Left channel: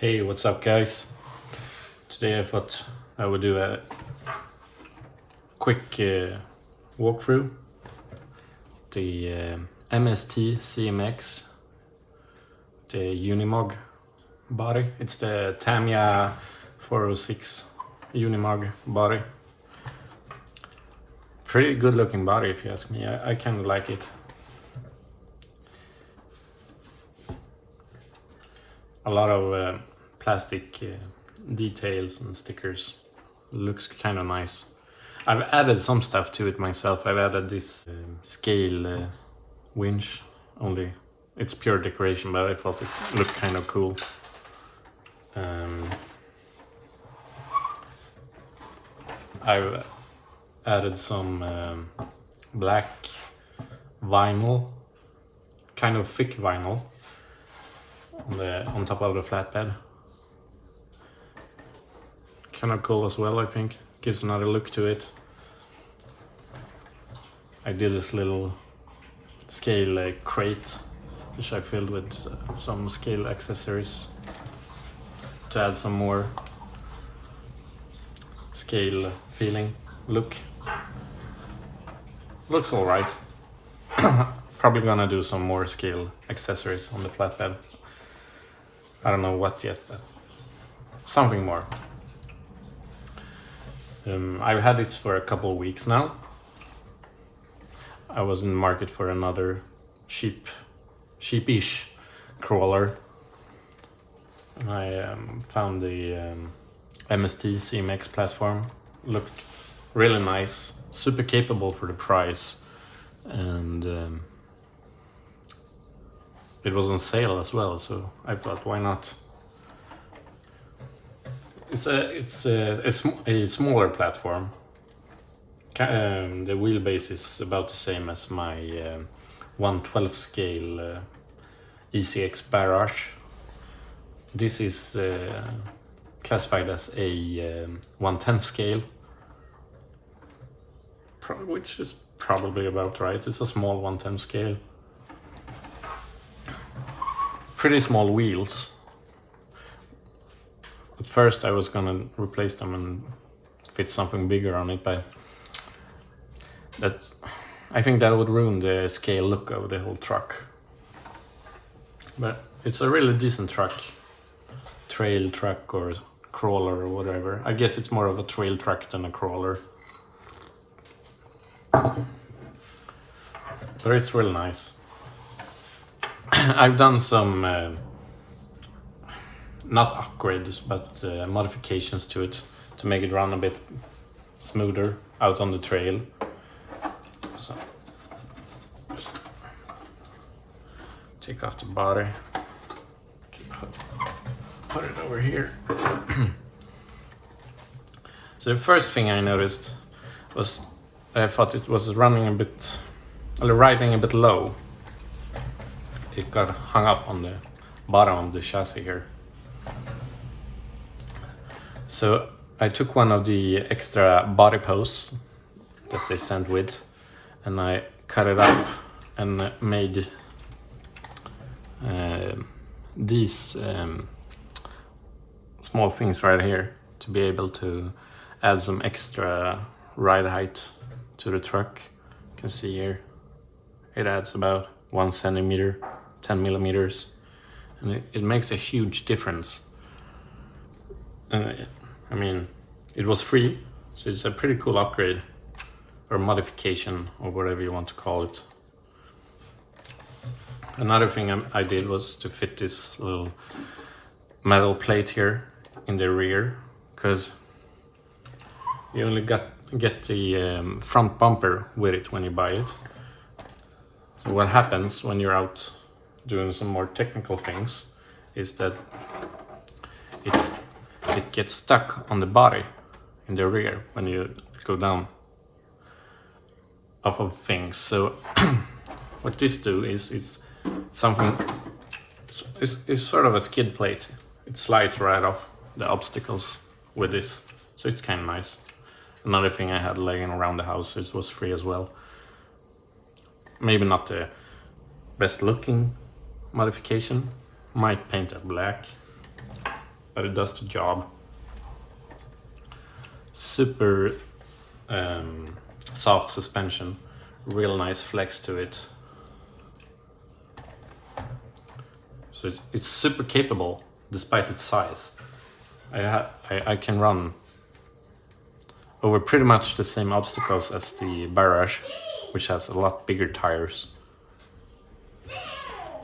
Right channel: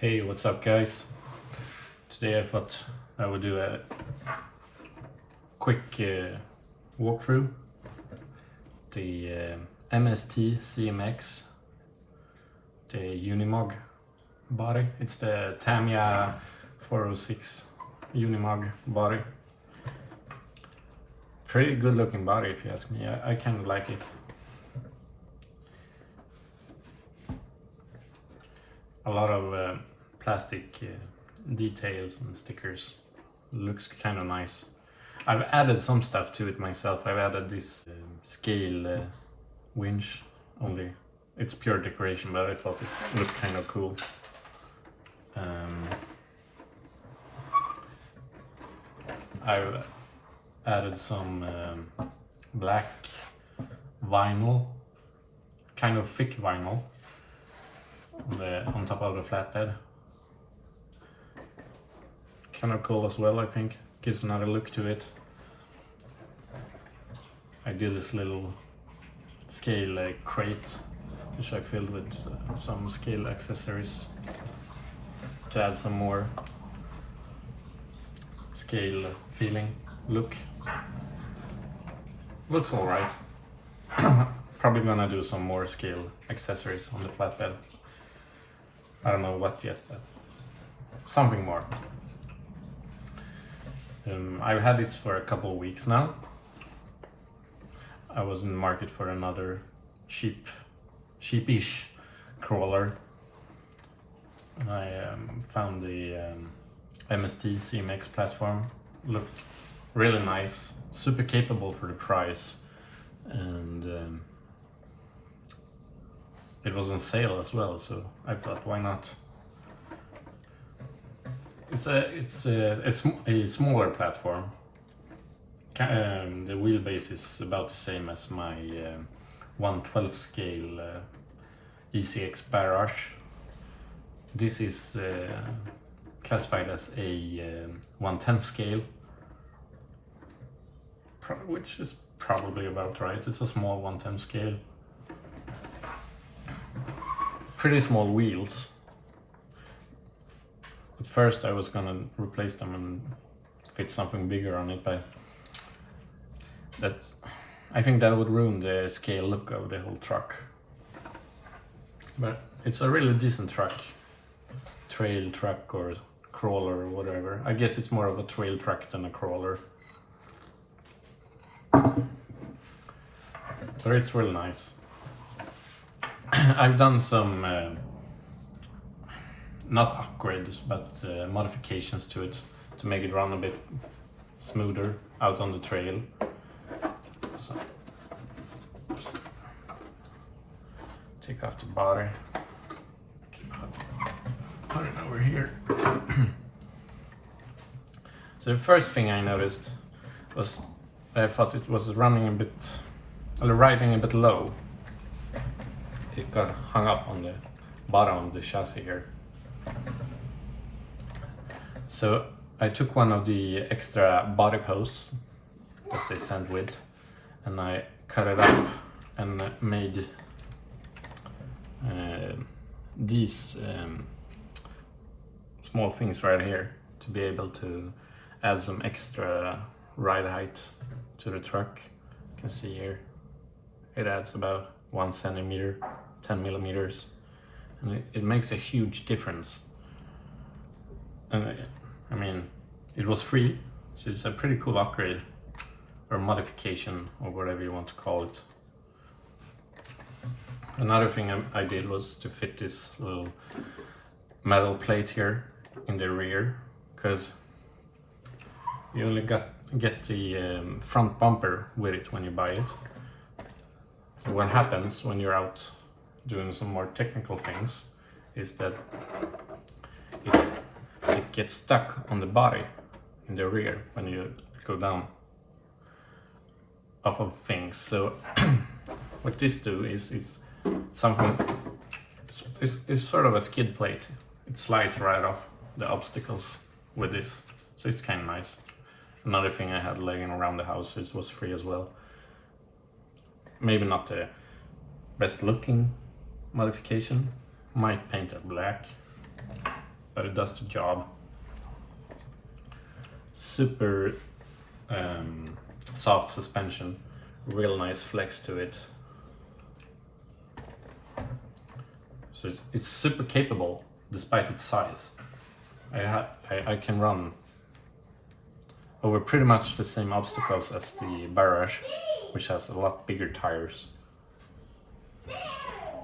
Hey, what's up guys? Today I thought I would do a quick walkthrough the MST CMX, the Unimog body. It's the Tamiya 406 Unimog body. Pretty good looking body if you ask me. I kind of like it. A lot of plastic details and stickers. Looks kind of nice. I've added some stuff to it myself. I've added this scale winch. Only it's pure decoration, but I thought it looked kind of cool. I've added some black vinyl, kind of thick vinyl, on top of the flatbed. Kind of cool as well, I think. Gives another look to it. I did this little scale crate, which I filled with some scale accessories to add some more scale feeling look. Looks alright. Probably gonna do some more scale accessories on the flatbed. I don't know what yet, but something more. I've had this for a couple of weeks now. I was in the market for another sheepish crawler. I found the MST CMX platform. Looked really nice, super capable for the price, and it was on sale as well, so I thought, why not? It's a smaller platform. The wheelbase is about the same as my 1/12 scale ECX Barrage. This is classified as a 1/10 scale, which is probably about right. It's a small 1/10 scale. Pretty small wheels. At first I was gonna replace them and fit something bigger on it, but I think that would ruin the scale look of the whole truck. But it's a really decent truck. Trail truck or crawler or whatever. I guess it's more of a trail truck than a crawler. But it's really nice. I've done some not upgrades, but modifications to it to make it run a bit smoother out on the trail. So, take off the body, put it over here. So the first thing I noticed was I thought it was riding a bit low. It got hung up on the bottom of the chassis here. So I took one of the extra body posts that they sent with, and I cut it up and made these small things right here to be able to add some extra ride height to the truck. You can see here it adds about 1 centimeter, 10 millimeters, and it makes a huge difference. I mean, it was free, so it's a pretty cool upgrade or modification or whatever you want to call it. Another thing I did was to fit this little metal plate here in the rear, because you only get the front bumper with it when you buy it. So what happens when you're out doing some more technical things is that it gets stuck on the body in the rear when you go down off of things. So what this do is it's sort of a skid plate. It slides right off the obstacles with this, so it's kind of nice. Another thing I had laying around the house, it was free as well. Maybe not the best looking modification. Might paint it black. but it does the job. Super soft suspension, real nice flex to it. So it's super capable despite its size. I can run over pretty much the same obstacles as the Barrage, which has a lot bigger tires.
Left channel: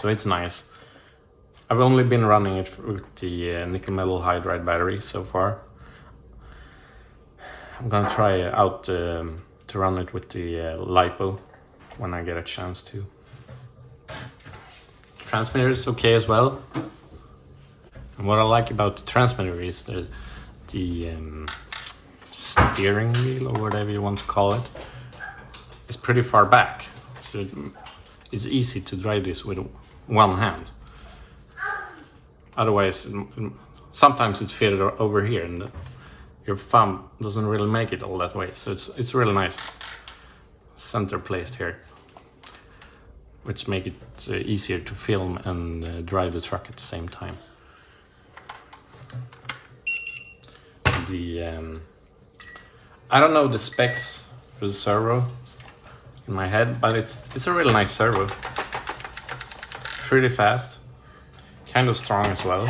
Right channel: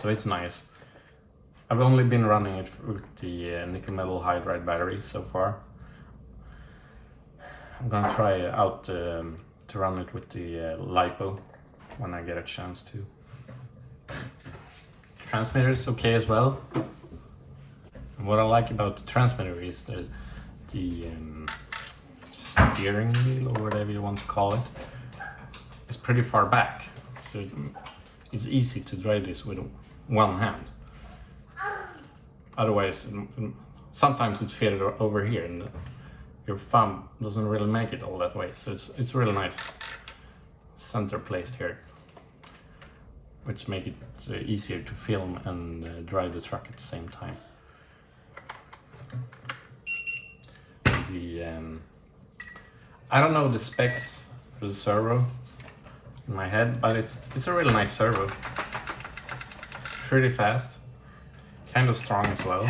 So it's nice. I've only been running it with the nickel metal hydride battery so far. I'm gonna try out to run it with the LiPo when I get a chance to. Transmitter is okay as well. And what I like about the transmitter is the steering wheel, or whatever you want to call it, is pretty far back. So it's easy to drive this with one hand. Otherwise, sometimes it's fitted over here and your thumb doesn't really make it all that way. So it's really nice center placed here, which make it easier to film and drive the truck at the same time. I don't know the specs for the servo in my head, but it's a really nice servo. Pretty fast, kind of strong as well.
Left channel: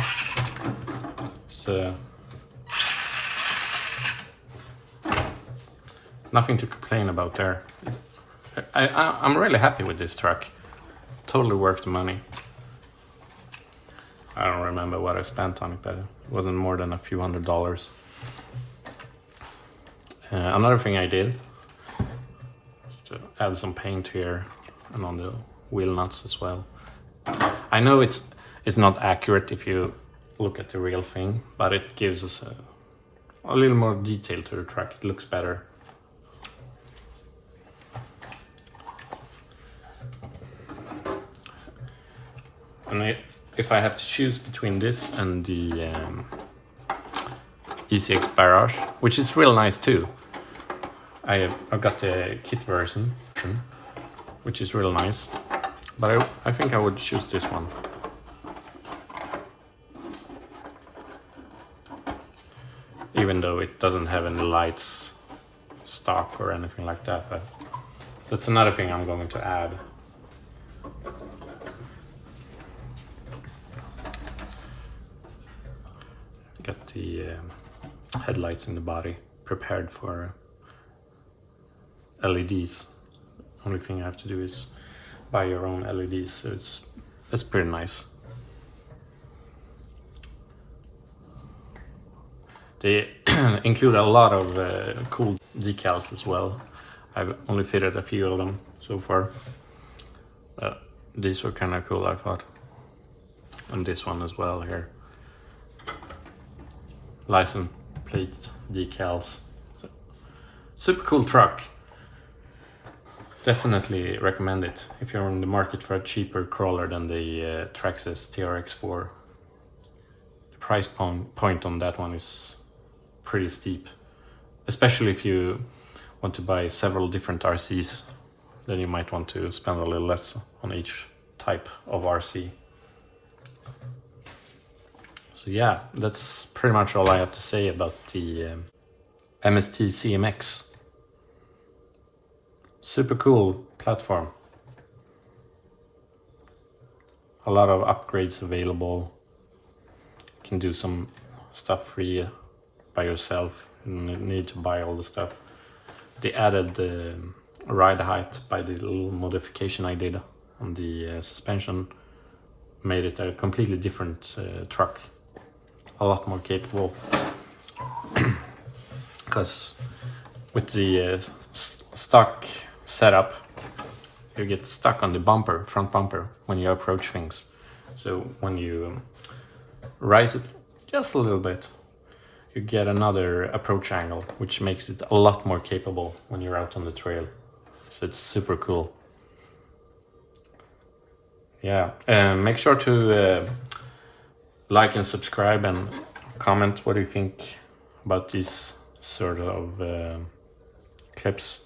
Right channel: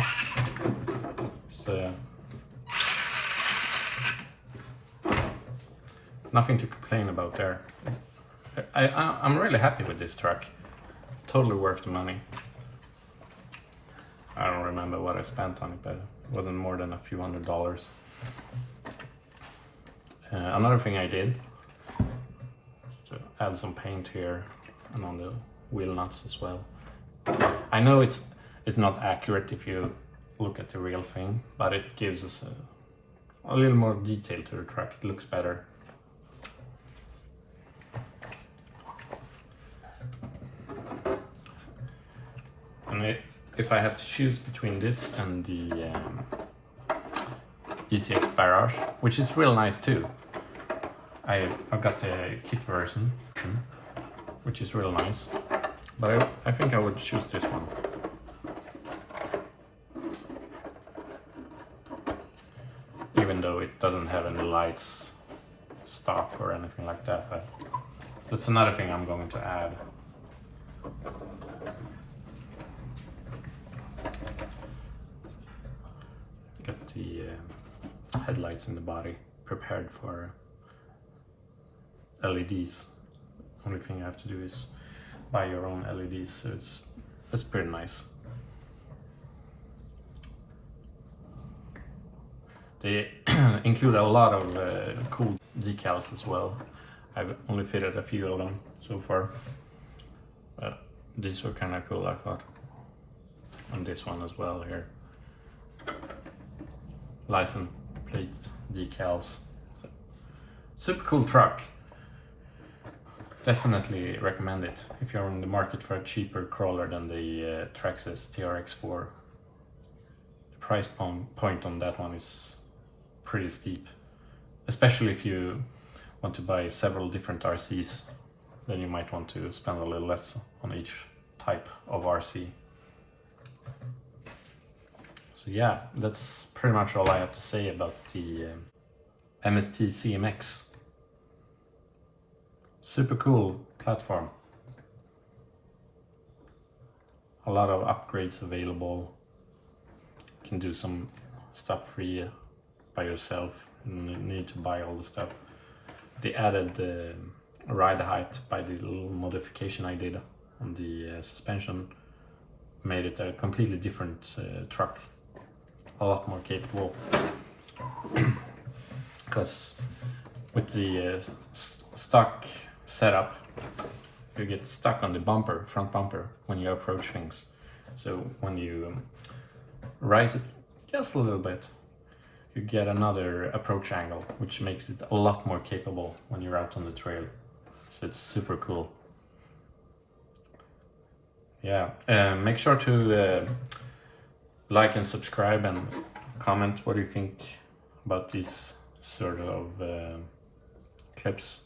So nothing to complain about there. I'm really happy with this truck. Totally worth the money. I don't remember what I spent on it, but it wasn't more than a few $100s. Another thing I did is to add some paint here and on the wheel nuts as well. I know it's not accurate if you look at the real thing, but it gives us a little more detail to the truck. It looks better. And if I have to choose between this and the ECX Barrage, which is real nice too, I got the kit version, which is real nice, but I think I would choose this one. Even though it doesn't have any lights stock or anything like that, but that's another thing I'm going to add. Got the headlights in the body prepared for LEDs. Only thing I have to do is buy your own LEDs, so it's pretty nice. They include a lot of cool decals as well. I've only fitted a few of them so far, but these were kind of cool, I thought. And this one as well here. License plate decals. Super cool truck. Definitely recommend it if you're on the market for a cheaper crawler than the Traxxas TRX4. The price point on that one is pretty steep, especially if you want to buy several different RCs. Then you might want to spend a little less on each type of RC. So yeah, that's pretty much all I have to say about the MST CMX. Super cool platform. A lot of upgrades available. You can do some stuff free by yourself. You don't need to buy all the stuff. They added the ride height by the little modification I did on the suspension. Made it a completely different truck. A lot more capable. Because with the stock setup, you get stuck on the bumper, front bumper, when you approach things. So when you rise it just a little bit, you get another approach angle, which makes it a lot more capable when you're out on the trail. So it's super cool. Yeah, make sure to like and subscribe and comment what you think about these sort of clips.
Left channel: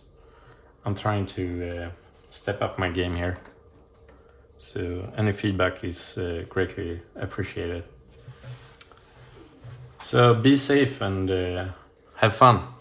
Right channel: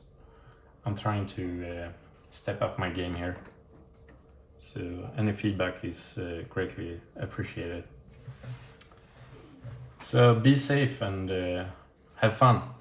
I'm trying to step up my game here, so any feedback is greatly appreciated. So be safe and have fun.